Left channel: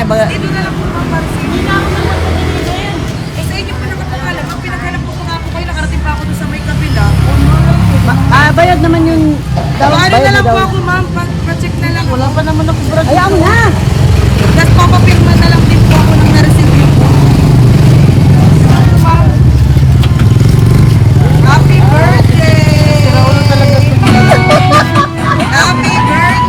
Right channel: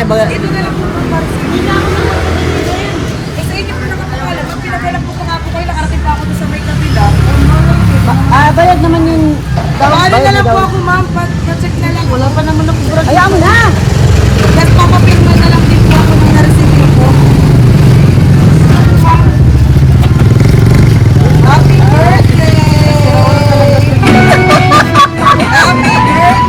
kayo baga? Dito na lang po ma'am. Hindi na ako magpapadalihin. Eh sa inyo po nakapagalan. Ma'am, pinaghalap po nga po kayo. Nakarating pa ako doon sa may kabila. Bayad naman yung... Ano na lang po ako ma'am. Pa-check na lang. Wala pa naman ako brad. Ayan na. Tapos papapirma na lang din po ako ng na-receive niyo po. Ma'am. Happy birthday! Happy birthday!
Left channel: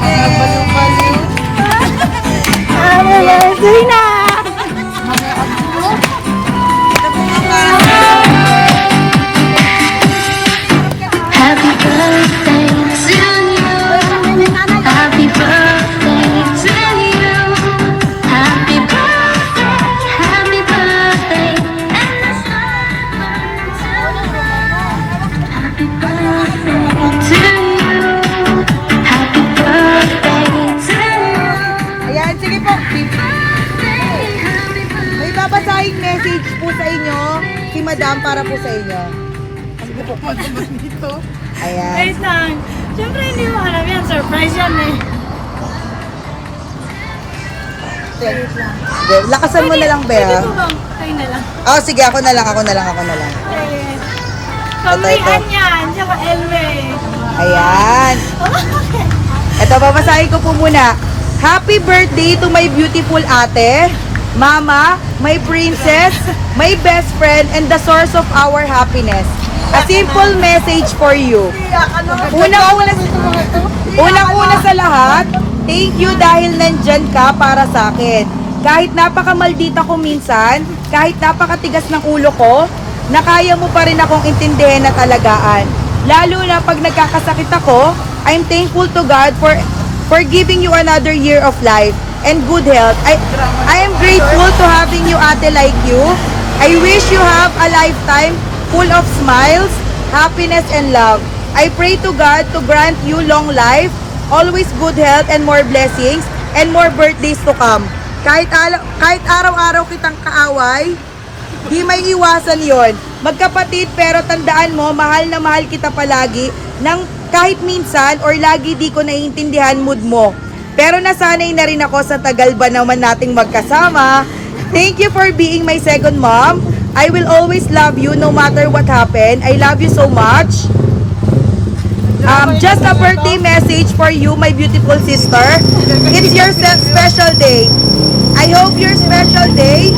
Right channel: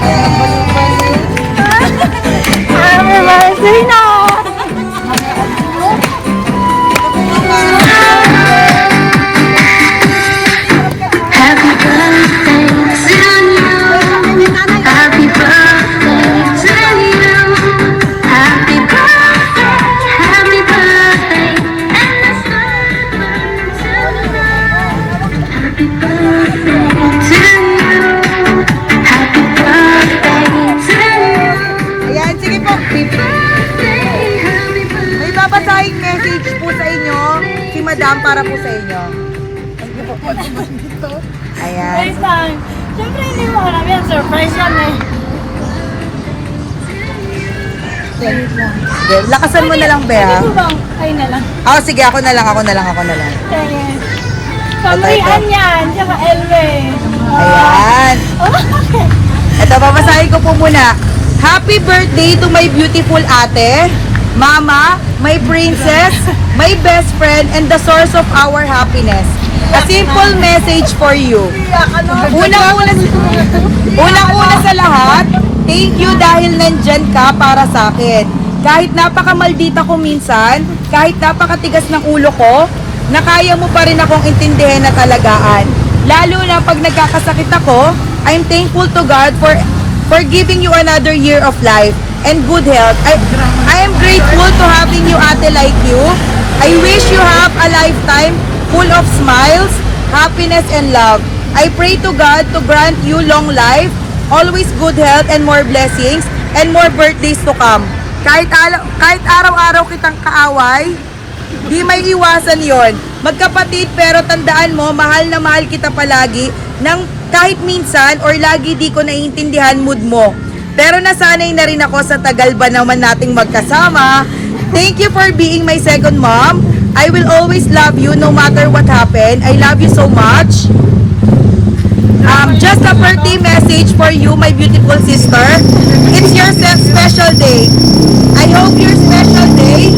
Happy birthday to you. Happy birthday to you. Happy birthday, and let's happy birthday to you. Happy birthday to you. Ayan, sige po. Happy birthday. Ipapasahin message po sa inyo si Madam para po sa inyo. Ayan. Wait lang. Siyempre hindi mo alam yan. Surprise yan eh. Wait lang. Lakasan mo na lang, Bea. Pwede mo bang? Ay na lang. Ako, sige, ako na lang muna. Pamrian yan. Tsaka Elway. Ayan. Okay. Ito, babasahin ko po muna. Happy birthday to my beautiful ate, mama, my princess, my best friend, and the source of our happiness. A simple message for you. Unang-una sa lahat, thank you dahil nandyan ka para sa akin. Kahit napakamaldita ko minsan, kahit napakatigas ng ulo ko, na kaya mo pa rin akong intindihin na talagaan. Lalo na pag nagkakasakit ako, I'm thankful to God for giving you another year of life and good health. I am grateful to having you ate like you. I wish you have a lifetime full of smiles, happiness, and love. I pray to God to grant you long life, always good health and more blessings, and more birthdays to come. Kahit araw-araw kitang kaaway, di may iwasan yon. Magkapatid, pero tandaan mo, mahal na mahal kita palagi, nang kahit minsan or lagi di ko naiintindihan mood mo. Pero nasanay na rin ako sa tagal ba naman nating magkasama. Thank you for being my second mom. I will always love you no matter what happened. I love you so much. Just a birthday message for you, my beautiful sister. It's your special day. I hope your special day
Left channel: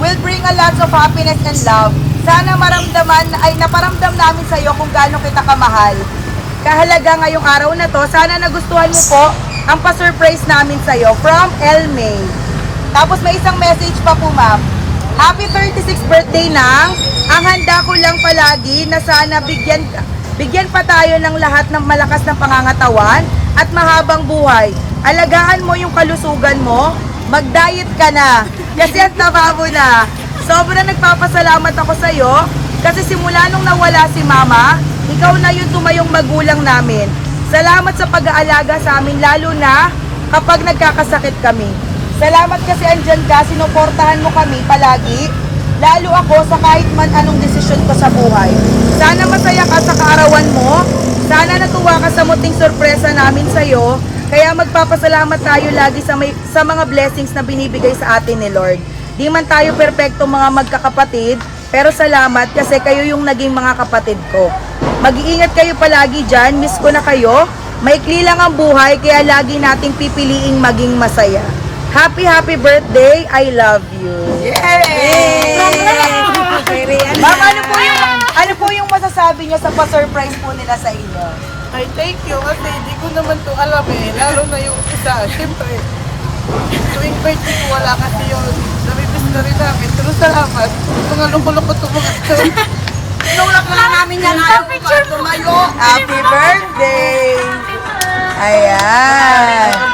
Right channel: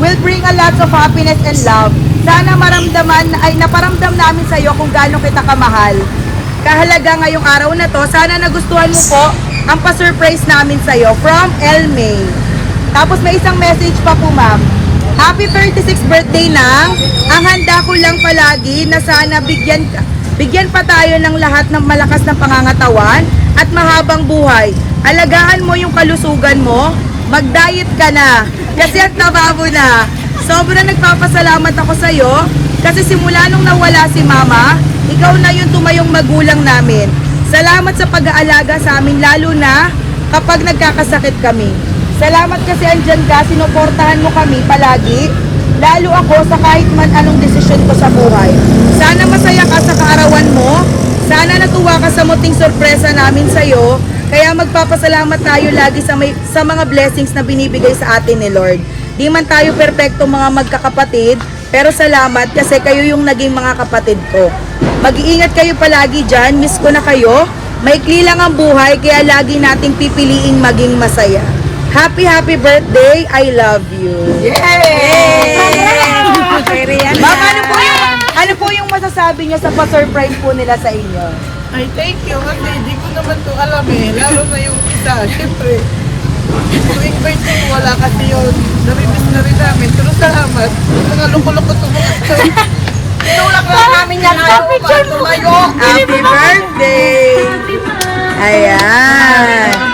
will bring a lot of happiness and love. Sana naparamdam namin sa iyo kung gaano kita kamahal. Kahalaga ngayong araw na to, sana nagustuhan mo po ang pa-surprise namin sa iyo from El May. Tapos may isang message pa po, ma'am. Happy 36th birthday na. Ang handa ko lang palagi na sana bigyan pa tayo ng lahat ng malakas ng pangangatawan at mahabang buhay. Alagaan mo yung kalusugan mo. Mag-diet ka na. Kasi ang taba mo na. Sobrang nagpapasalamat ako sa iyo kasi simula nung nawala si mama, ikaw na yung tumayong magulang namin. Salamat sa pag-aalaga sa amin, lalo na kapag nagkakasakit kami. Salamat kasi andyan ka, sinuportahan mo kami palagi, lalo ako sa kahit man anong desisyon ko sa buhay. Sana masaya ka sa kaarawan mo, sana natuwa ka sa muting sorpresa namin sa iyo, kaya magpapasalamat tayo lagi sa mga blessings na binibigay sa atin ni Lord. Di man tayo perpekto mga magkakapatid, pero salamat kasi kayo yung naging mga kapatid ko. Mag-iingat kayo palagi dyan, miss ko na kayo. Maikli lang ang buhay, kaya lagi nating pipiliing maging masaya. Happy birthday, I love you. Yay! Ma'am, ano po yung masasabi nyo sa pa-surprise po nila sa inyo? Ay, thank you. Kasi hindi ko naman ito alam eh. Lalo na yung isa. Siyempre, wait, wala kasi yun. Narinig na rin namin. Pero salamat. Nakaloko-loko ito mga ito. Tinulak lang namin yan. Picture mo. Happy birthday! Ayan!